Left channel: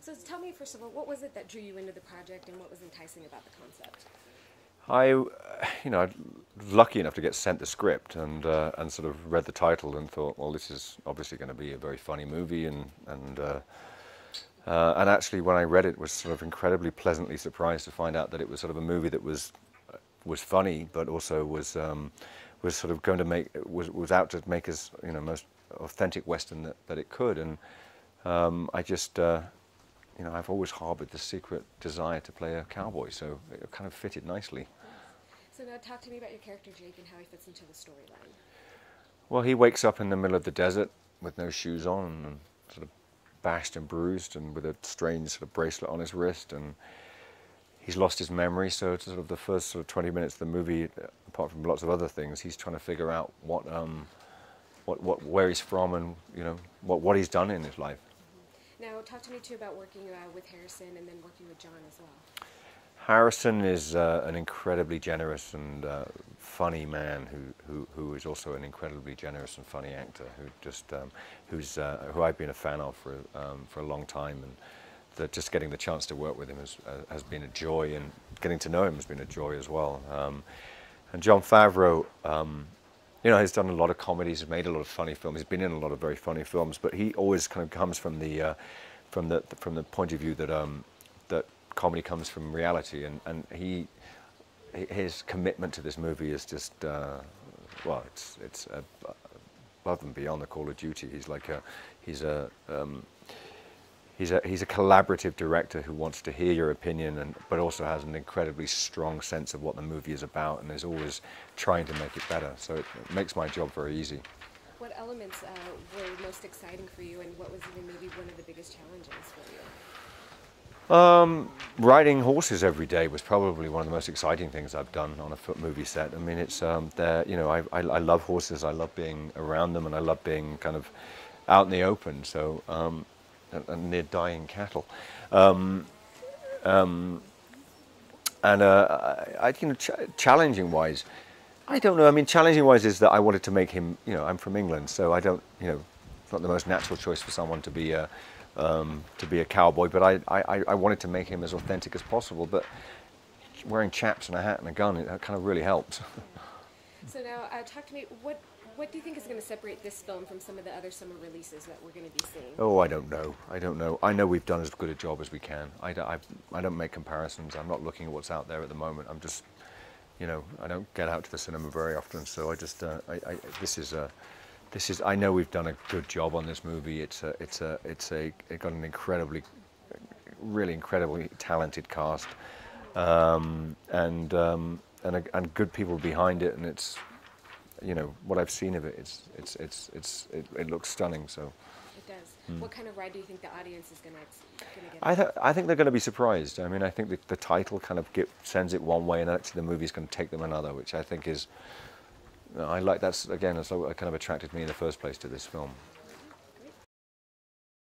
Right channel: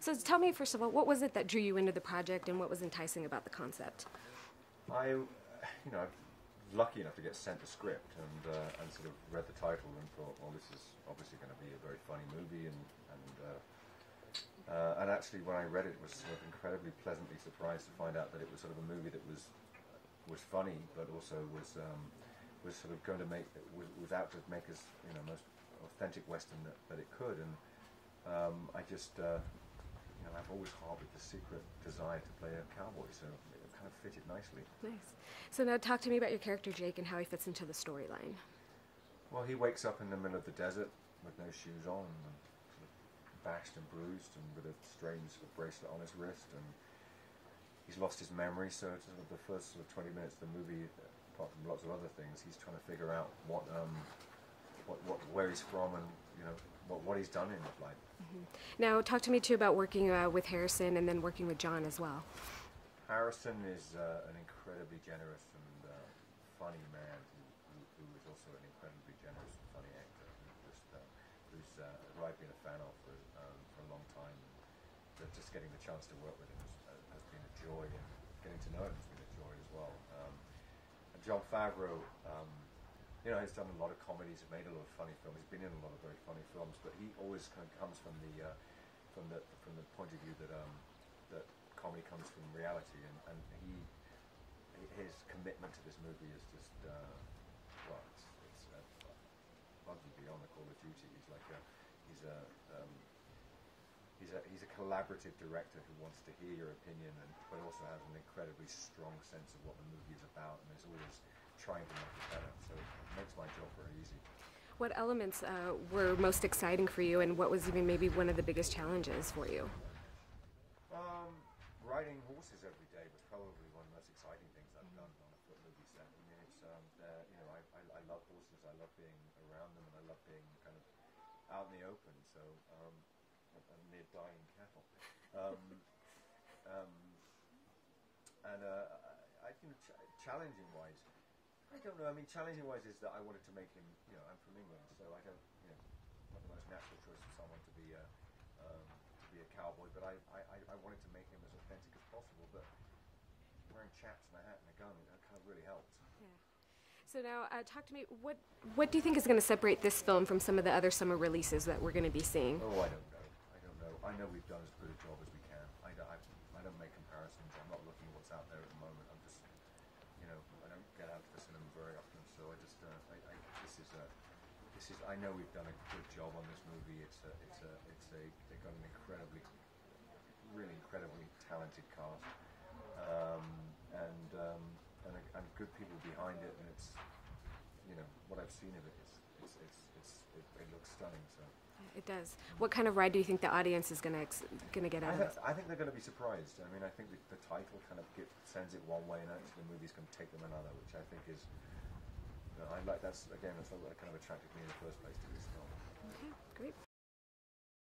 So tell me, first of all, what was it that drew you into the project and what was enticing about the concept? I'm lucky enough to get sent the script and sort of read the title and thought, well, this is obviously going to be a very funny movie, and actually when I read it, was sort of incredibly pleasantly surprised to find out that it was sort of a movie that was funny, but also was sort of going to was out to make us most authentic Western that it could, and I just I've always harbored this secret desire to play a cowboy, so it kind of fitted nicely. Nice. So now talk to me about your character Jake and how he fits into the storyline. Well, he wakes up in the middle of the desert with no shoes on and sort of bashed and bruised and with a strange sort of bracelet on his wrist, and he's lost his memory, so it's sort of the first sort of 20 minutes of the movie, apart from lots of other things, he's trying to figure out where he's from and what he's done in his life. Now, talk to me too about working with Harrison and then working with Jon as well. Harrison is an incredibly generous and funny man who is also an incredibly generous and funny actor who I've been a fan of for a long time, and just getting the chance to work with him has been a joy, and getting to know him has been a joy as well. And Jon-Favreau, has done a lot of comedies, has made a lot of funny films. He's been in a lot of very funny films, but he always kind of comes from the point of view that that comedy comes from reality, and his commitment to this movie is just well, it's above and beyond the Call of Duty. He's a collaborative director who wants to hear your opinion, but also has an incredibly strong sense of what the movie is about, and is always trying to make it better. So it makes my job very easy. What elements were most exciting for you, and what was even maybe one of the biggest challenges for you? Riding horses every day was probably one of the most exciting things I've done on a movie set. I mean, it's I love horses. I love being around them, and I love being kind of out in the open. So. And near dying cattle, challenging wise, I don't know. I mean, challenging wise is that I wanted to make him. I'm from England, so I don't. It's not the most natural choice for someone to be a cowboy. But I wanted to make him as authentic as possible. But wearing chaps and a hat and a gun, it kind of really helps. So now, talk to me. What do you think is going to separate this film from some of the other summer releases that we're going to be seeing? Oh, I don't know. I know we've done as good a job as we can. I don't make comparisons. I'm not looking at what's out there at the moment. I'm just, I don't get out to the cinema very often. So I just, I know we've done a good job on this movie. It got an really incredibly talented cast, and good people behind it, and it's. What I've seen of it, it looks stunning. So it does. What kind of ride do you think the audience is going to get? I think they're going to be surprised. I mean, I think the title kind of sends it one way, and actually the movie's going to take them another, which I think is. I like that's again, it's what kind of attracted me in the first place to this film.